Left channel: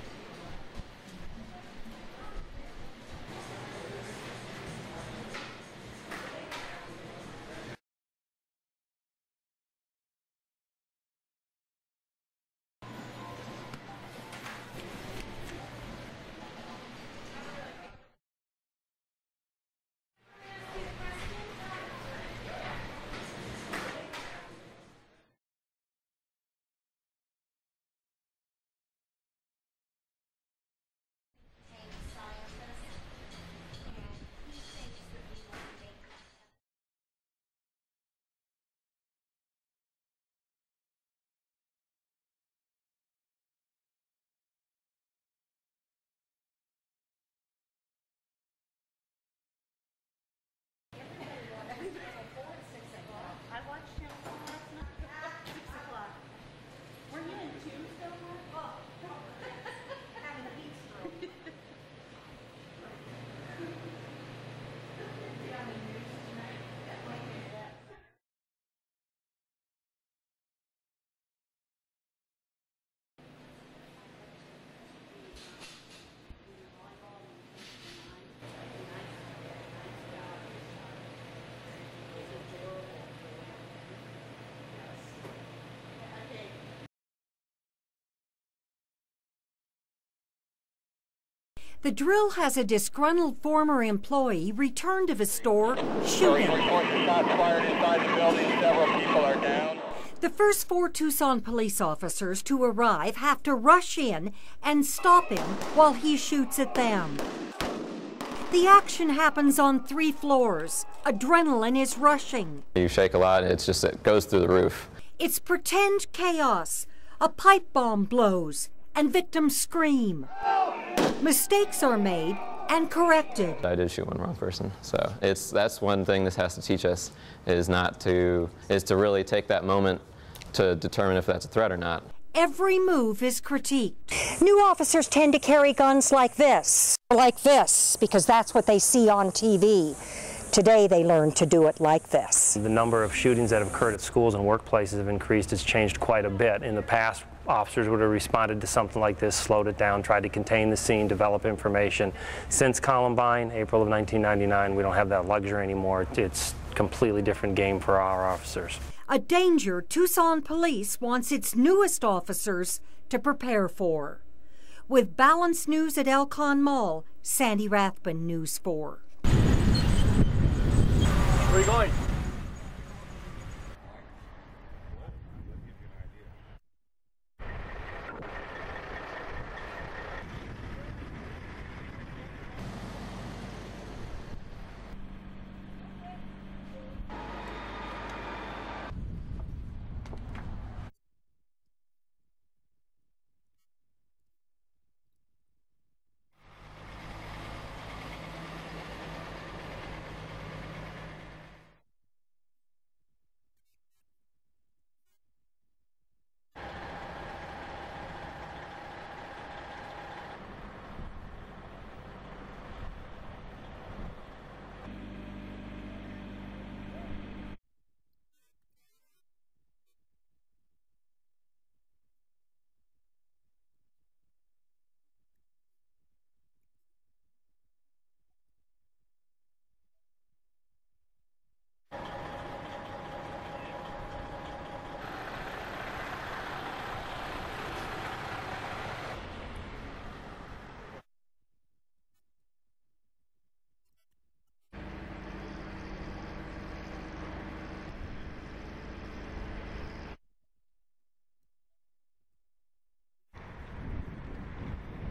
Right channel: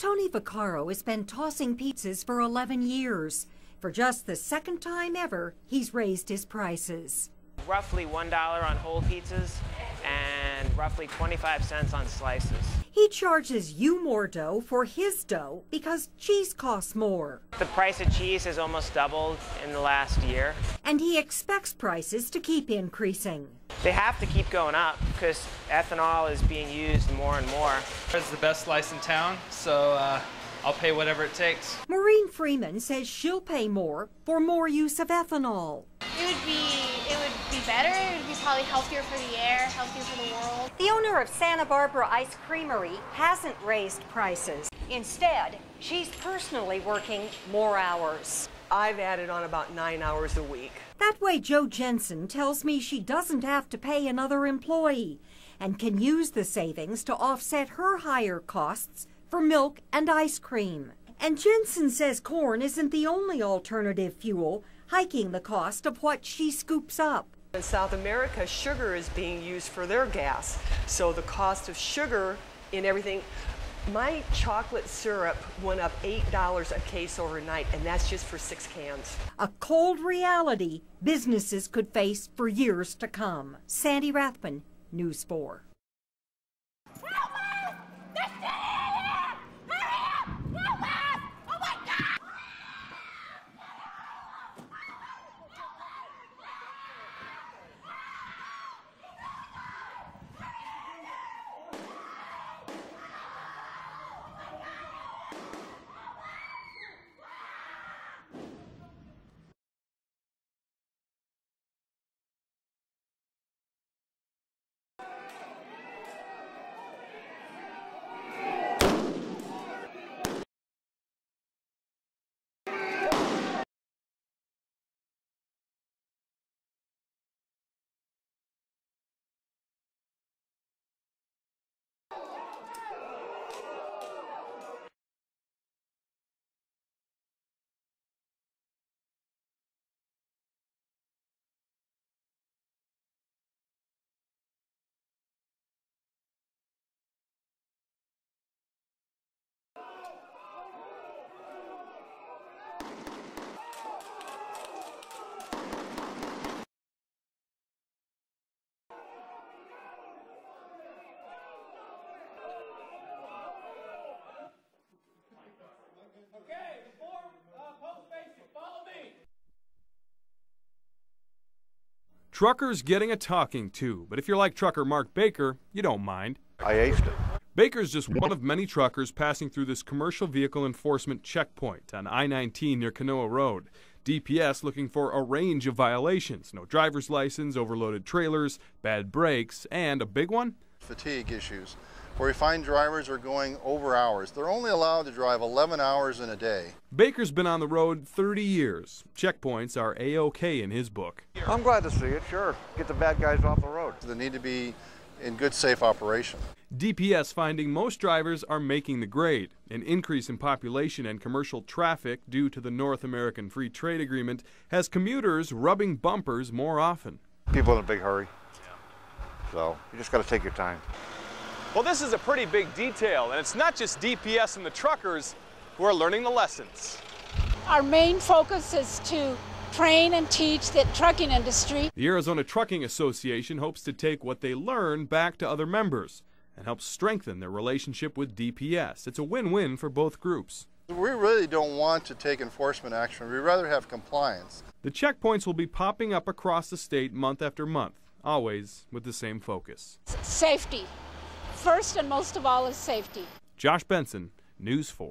Tony Vaccaro has been tossing pizzas for 11 years. For just the second time ever, he's raised his prices. Roughly $1 on whole pizzas and roughly 25 cents on slices. He charges you more dough for his dough because cheese costs more. The price of cheese has almost doubled in the last year. And he expects prices to keep increasing. They have to keep going up because ethanol is being used more and more. It's the best slice in town, so I'll pay whatever it takes. Maureen Freeman says she'll pay more for more use of ethanol. It would be better. It would be probably healthier for the air, healthier for the world. The owner of Santa Barbara Ice Creamery hasn't raised prices. Instead, she's personally working more hours. I've added on about 9 hours a week. That way, Jo Jensen tells me she doesn't have to pay another employee and can use the savings to offset her higher costs for milk and ice cream. And Jensen says corn isn't the only alternative fuel, hiking the cost of what she scoops up. In South America, sugar is being used for their gas, so the cost of sugar in everything. My chocolate syrup went up $8 a case overnight, and that's just for 6 cans. A cold reality businesses could face for years to come. Sandy Rathman, News 4. The Drill has a disgruntled former employee return to the store shooting. The first 4 Tucson police officers to arrive have to rush in and stop him while he shoots at them. The action happens on 3 floors. Adrenaline is rushing. You shake a lot, it goes through the roof. It's pretend chaos. A pipe bomb blows and victims scream. Mistakes are made and corrected. I did shoot one wrong person, so that's one thing this has to teach us is to really take that moment to determine if that's a threat or not. Every move is critiqued. New officers tend to carry guns like this, because that's what they see on TV. Today they learn to do it like this. The number of shootings that have occurred at schools and workplaces have increased. It's changed quite a bit. In the past, officers would have responded to something like this, slowed it down, tried to contain the scene, develop information. Since Columbine, April of 1999, we don't have that luxury anymore. It's a completely different game for our officers. A danger Tucson Police wants its newest officers to prepare for. With Balanced News at Elcon Mall, Sandy Rathman, News 4. Where are you going? Truckers getting a talking to, but if you're like trucker Mark Baker, you don't mind. I aced it. Baker's just one of many truckers passing through this commercial vehicle enforcement checkpoint on I-19 near Canoa Road. DPS looking for a range of violations. No driver's license, overloaded trailers, bad brakes, and a big one? Fatigue issues, where we find drivers are going over hours. They're only allowed to drive 11 hours in a day. Baker's been on the road 30 years. Checkpoints are A-OK in his book. I'm glad to see it, sure. Get the bad guys off the road. They need to be in good, safe operation. DPS finding most drivers are making the grade. An increase in population and commercial traffic due to the North American Free Trade Agreement has commuters rubbing bumpers more often. People in a big hurry, so you just got to take your time. Well, this is a pretty big detail, and it's not just DPS and the truckers who are learning the lessons. Our main focus is to train and teach the trucking industry. The Arizona Trucking Association hopes to take what they learn back to other members and help strengthen their relationship with DPS. It's a win-win for both groups. We really don't want to take enforcement action. We'd rather have compliance. The checkpoints will be popping up across the state month after month, always with the same focus. Safety. First and most of all is safety. Josh Benson, News 4.